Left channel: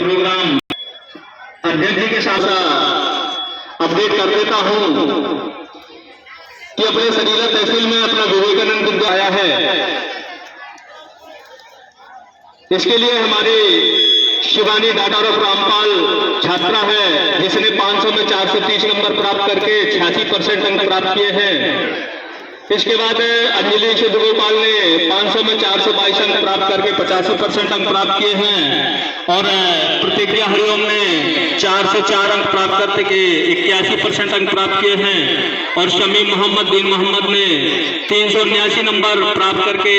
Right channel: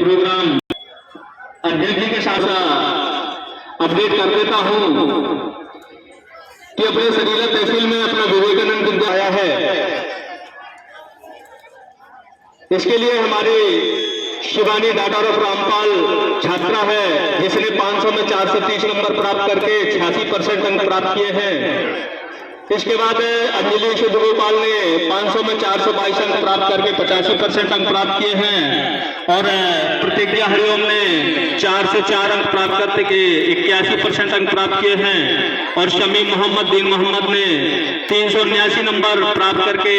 Programme अभ्यर्थी के साथ अपडेट कर देता हूं कि अपने सरीला तहसील में अपना विवेकानंद विद्यालय आया है। इसके लिए हमारी शिवानी डॉटर ऑफ रामपाल छात्रा है, जिसने 500 में 430 नंबर प्राप्त करके 86% अंक प्राप्त किए हैं। इसके बाद अंजलि सिद्धगोपाल ने 500 में 422 अंक प्राप्त करके 85% अंक प्राप्त किए हैं। और प्रतिज्ञा हरिओम ने 4 से 4 अंक प्राप्त करके 81% अंक प्राप्त किए हैं। और शमीम मोहम्मद दीन मोहम्मद ने 379 नंबर प्राप्त करके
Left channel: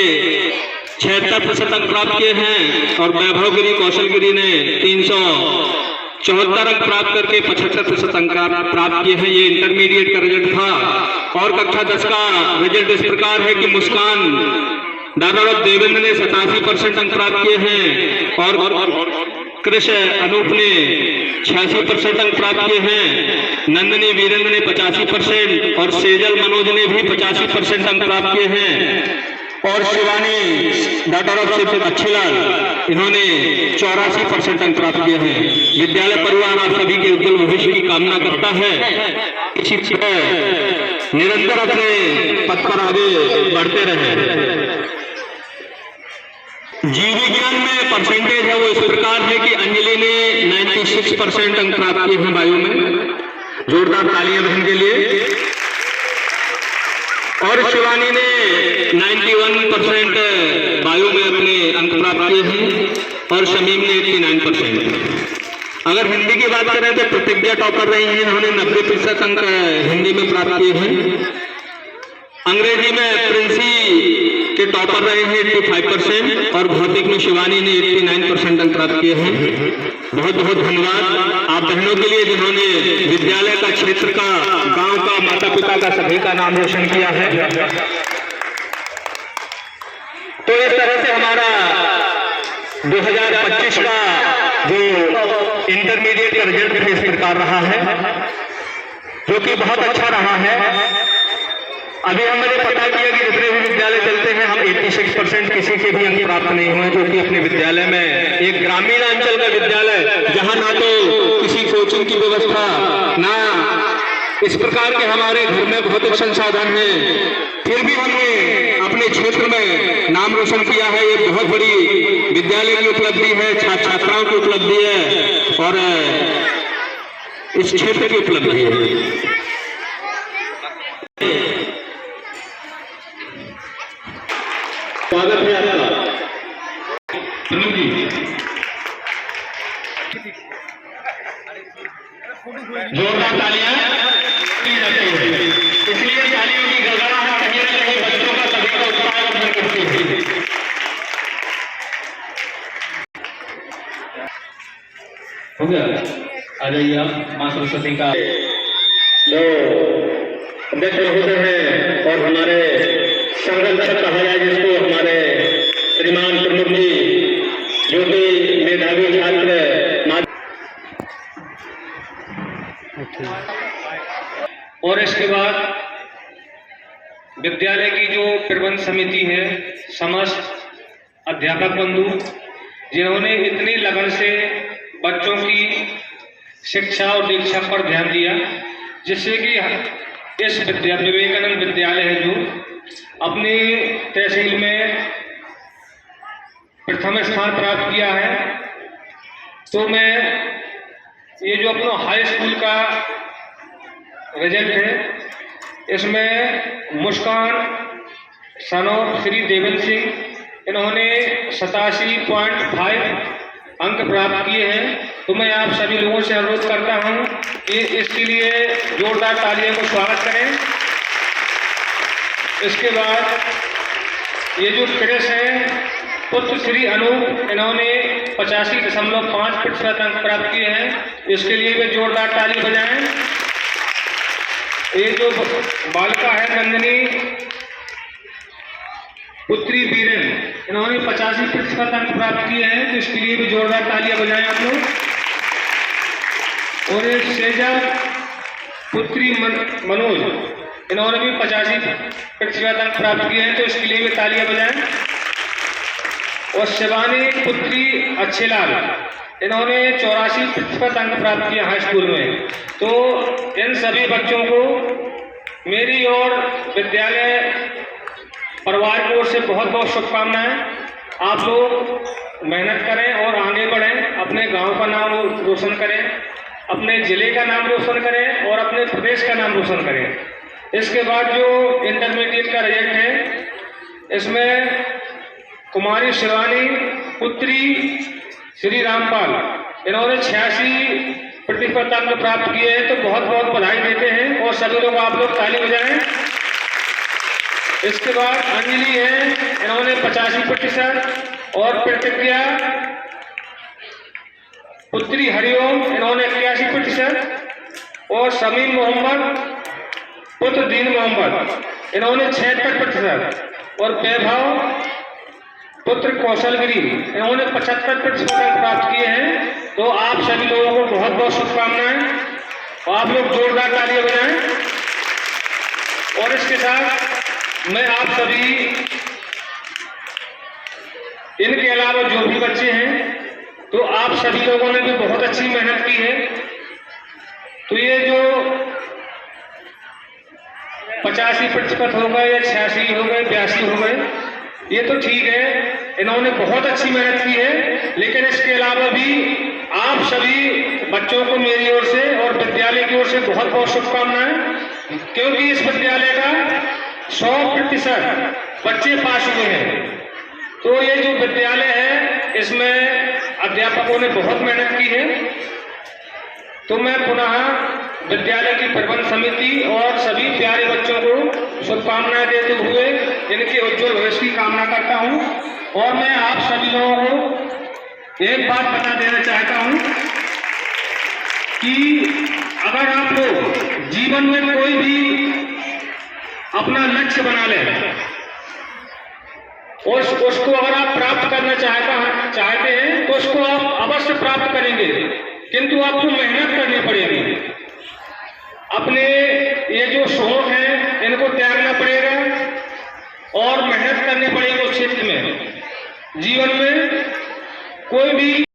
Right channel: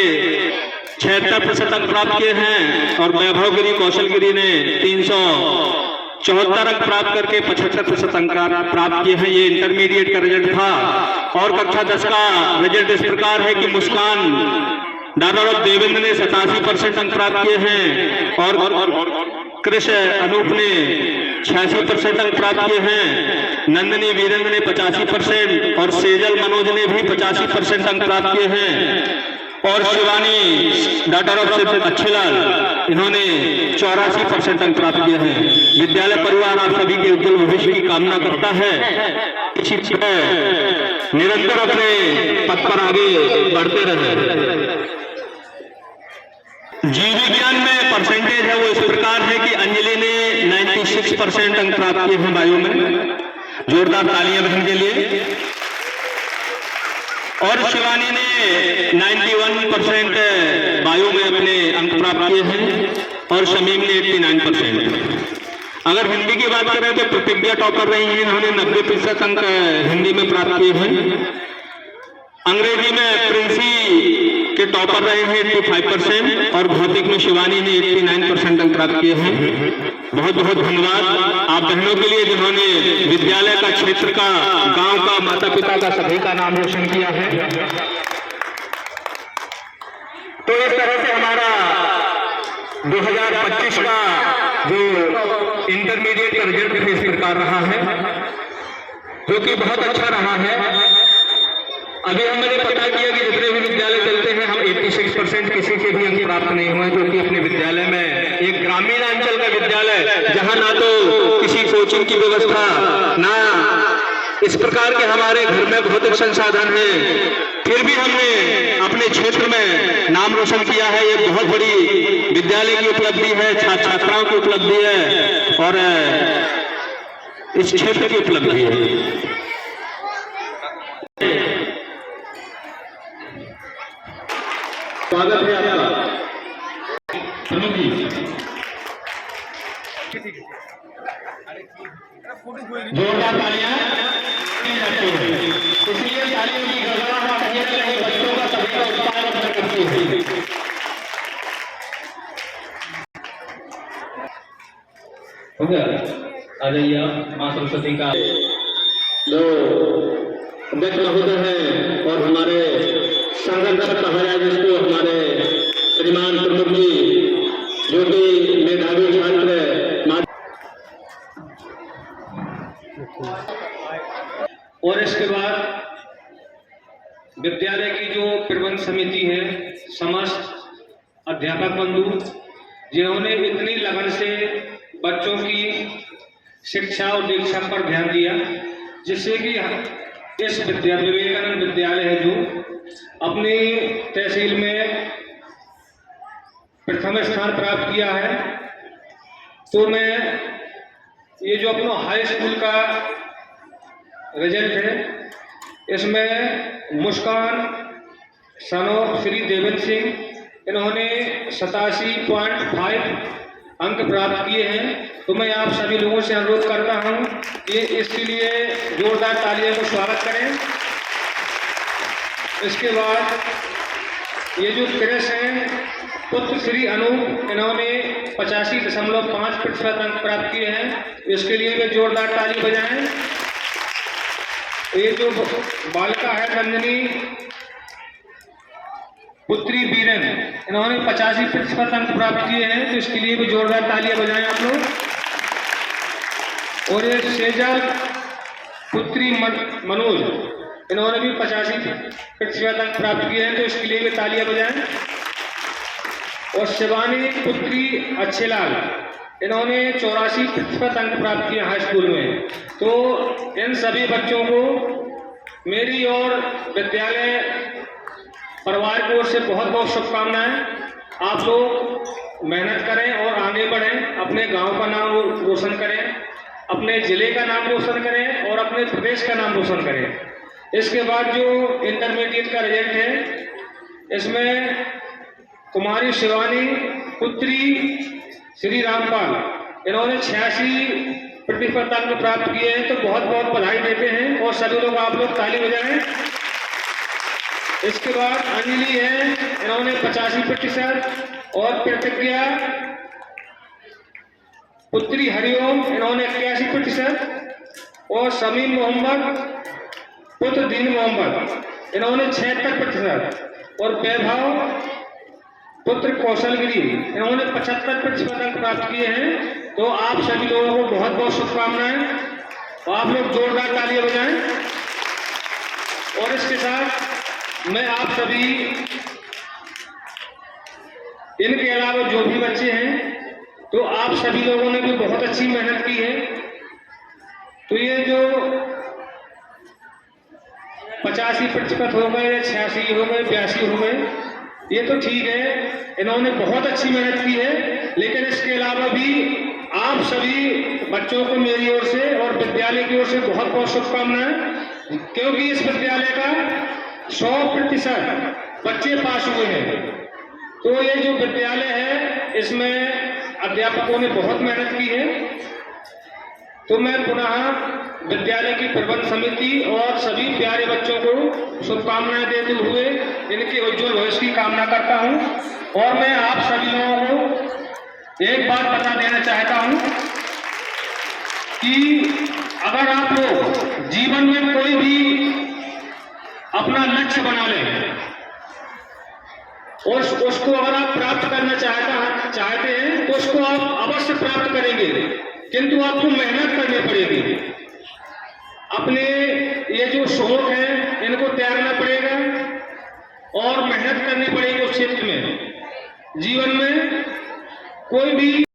76% अंक प्राप्त किए हैं। और वैभव गिरी कौशल गिरी ने 374 अंक प्राप्त करके 75% अंक प्राप्त किए हैं। ये इंटरमीडिएट का रिजल्ट था। और कक्षा 10 का रिजल्ट इस प्रकार है कि मुस्कान डॉटर ऑफ देवेंद्र ने 87% अंक प्राप्त किए हैं। और कृष अनूप ने 86% अंक प्राप्त किए हैं। नंदनी वीरेंद्र ने 85% और सेजल मनोज ने भी 85% अंक प्राप्त किए हैं। और शिवानी डॉटर ऑफ सिद्ध अच्छेलाल, इन्होंने 84% अंक प्राप्त किए हैं। विद्यालय परिवार आप सभी के उज्जवल भविष्य की कामना करता है। इसी तरह निरंतर अपने पथ पर आगे बढ़ते रहे। जीव विज्ञान में परसेंटेज है वो इस प्रकार है कि अंजलि ने 96% अंक प्राप्त किए हैं बायो में। जोरदार तालियां बहन के लिए। और शिवानी ने 91% बायो में अपने अंक प्राप्त किए हैं। और शमीम ने 89%। अगर हिंदी की बात करें तो प्रतिज्ञा टॉपर रही हैं, उन्होंने 90% अंक हिंदी में प्राप्त किए हैं। अंग्रेजी में प्रिंसी के टॉपर रहे हैं 85%। और भौतिक में शिवानी ने 89% अंक प्राप्त किए हैं। बहुत बहुत धन्यवाद आप बहनों के लिए, जिन्होंने विद्यालय का, क्षेत्र का, गांव का, माता पिता का, सभी का नाम रोशन किया है। तो इस तरह से हमारा 2025 का जो इंटरमीडिएट का रिजल्ट इस प्रकार रहा है, जो कि बहुत अच्छा रहा है। अभी हमने पता किया कि जितने भी विद्यालय चलते हैं, हम 86% किसी के भी अंक प्राप्त नहीं हुए, जो कि अपने विद्यालय में एक ग्रामीण अंचल का विद्यालय, जहां ना तो किसी कोचिंग की व्यवस्था, ना इस प्रकार के हमारे घर में भौतिक संसाधन है, फिर भी हमने अपने क्षेत्र में नाम रोशन किया है। ये बहुत बड़ी विद्यालय की उपलब्धि है, छात्राओं की उपलब्धि है और इस क्षेत्र की उपलब्धि है। स्वागत है आपका अनुज जी। जोरदार तालियां की जाती है, इसलिए तालियों की गड़गड़ाहट कहीं न कहीं बच्चों का सभी का उत्साह बढ़ करती है। हो गया, आ जाइए आप। मां सरस्वती का जो अध्यक्ष महोदय हैं और हमारे संगठन कहा जाए जिसको, हमारे श्रीमान प्रमुख जी, जो कि मेधावी छात्र और इसके बाद विद्यालय की जो प्रबंध समिति है, समस्त अध्यापक बंधु, जिन्होंने इतनी लगन से बच्चों की शिक्षा और दीक्षा पर ध्यान दिया, जिससे कि इस विवेकानंद विद्यालय है जो अपनी तहसील में प्रथम स्थान प्राप्त किया है। तो मैं ये जो अपना हाई स्कूल का रिजल्ट है, इसमें मुस्कान सनो श्री देवेंद्र सिंह, इन्होंने 87.5 अंक प्राप्त किए हैं। तो मैं आप सभी लोगों से अनुरोध करता हूं कि इसके लिए जोरदार तालियों को स्वागत करें। इसके बाद ये जो क्रेश है, पुत्र श्री अनूप, इन्होंने 85.5% अंक प्राप्त किए हैं। इसके लिए भी जोरदार ताली बजाएं। ये जो बालिका है नंदनी पुत्री बीरन, इन्होंने 85% अंक प्राप्त किए हैं। तो इसके लिए भी जोरदार तालियां बजाएं आप लोग। और एक सेजल पुत्री मनोज, इन्होंने भी 85% अंक प्राप्त किए हैं। तो इसके लिए भी तालियां बजाएं। और शिवानी पुत्री अच्छेलाल, इन्होंने 84% अंक प्राप्त किए हाई स्कूल में। तो इन सभी बच्चों को मेरी और विद्यालय परिवार की ओर से बहुत बहुत शुभकामनाएं। आप लोग मेहनत करें और आगे बढ़ें, अपने गांव का नाम रोशन करें, अपने जिले का नाम रोशन करें और अपने प्रदेश का नाम रोशन करें। इसके बाद जो इंटरमीडिएट का रिजल्ट है, इसमें कुमारी शिवानी पुत्री श्री रामपाल, इन्होंने 86% अंक प्राप्त किए हैं। तो बहुत बहुत बधाई देते हैं और सभी लोग आप लोग ताली बजाएं। इसके बाद अंजलि है, इन्होंने 85% और प्रतिज्ञा पुत्री हरिओम, इन्होंने 81% और समीम मोहम्मद पुत्र दीन मोहम्मद, इन्होंने 76% और वैभव पुत्र कौशलगिरी, इन्होंने 75% अंक प्राप्त किए हैं। तो आप सभी लोगों को बहुत बहुत शुभकामनाएं। आप लोग जोरदार तालियां बजाएं। और इसके साथ मैं आप सभी, इनके अलावा जो भी बच्चे हैं, तो आप सभी लोगों ने भी बहुत अच्छी मेहनत की है। तो ये जो 85% हो गए या 86 हो गए, 82 हो गए, ये तो ठीक है, इन्होंने बहुत अच्छी मेहनत की है। लेकिन इसके अलावा भी आप सभी बच्चों को मेरी ओर से और विद्यालय की ओर से बहुत बहुत शुभकामनाएं, क्योंकि इस विद्यालय का 100% बच्चे पास हुए हैं। तो ये जो विद्यालय है, इसमें अध्यापकों ने बहुत मेहनत की है। तो मैं पुनः विद्यालय की प्रबंध समिति और सभी प्यारे बच्चों को शुभकामनाएं देते हुए इनके उज्जवल भविष्य की कामना करता हूं। और मैं आप सभी लोगों को एक बात बता देना चाहता हूं कि अगर आप लोग जीवन में कोई भी अपना लक्ष्य बना लें और उसको अगर आप प्राप्त करना चाहते हैं, तो उसको आप अवश्य प्राप्त करेंगे, किंतु आपको मेहनत करनी पड़ेगी। अपने ये जो शौक है, इनको त्यागना पड़ेगा और मेहनत करनी पड़ेगी उस क्षेत्र में। जीवन में कोई भी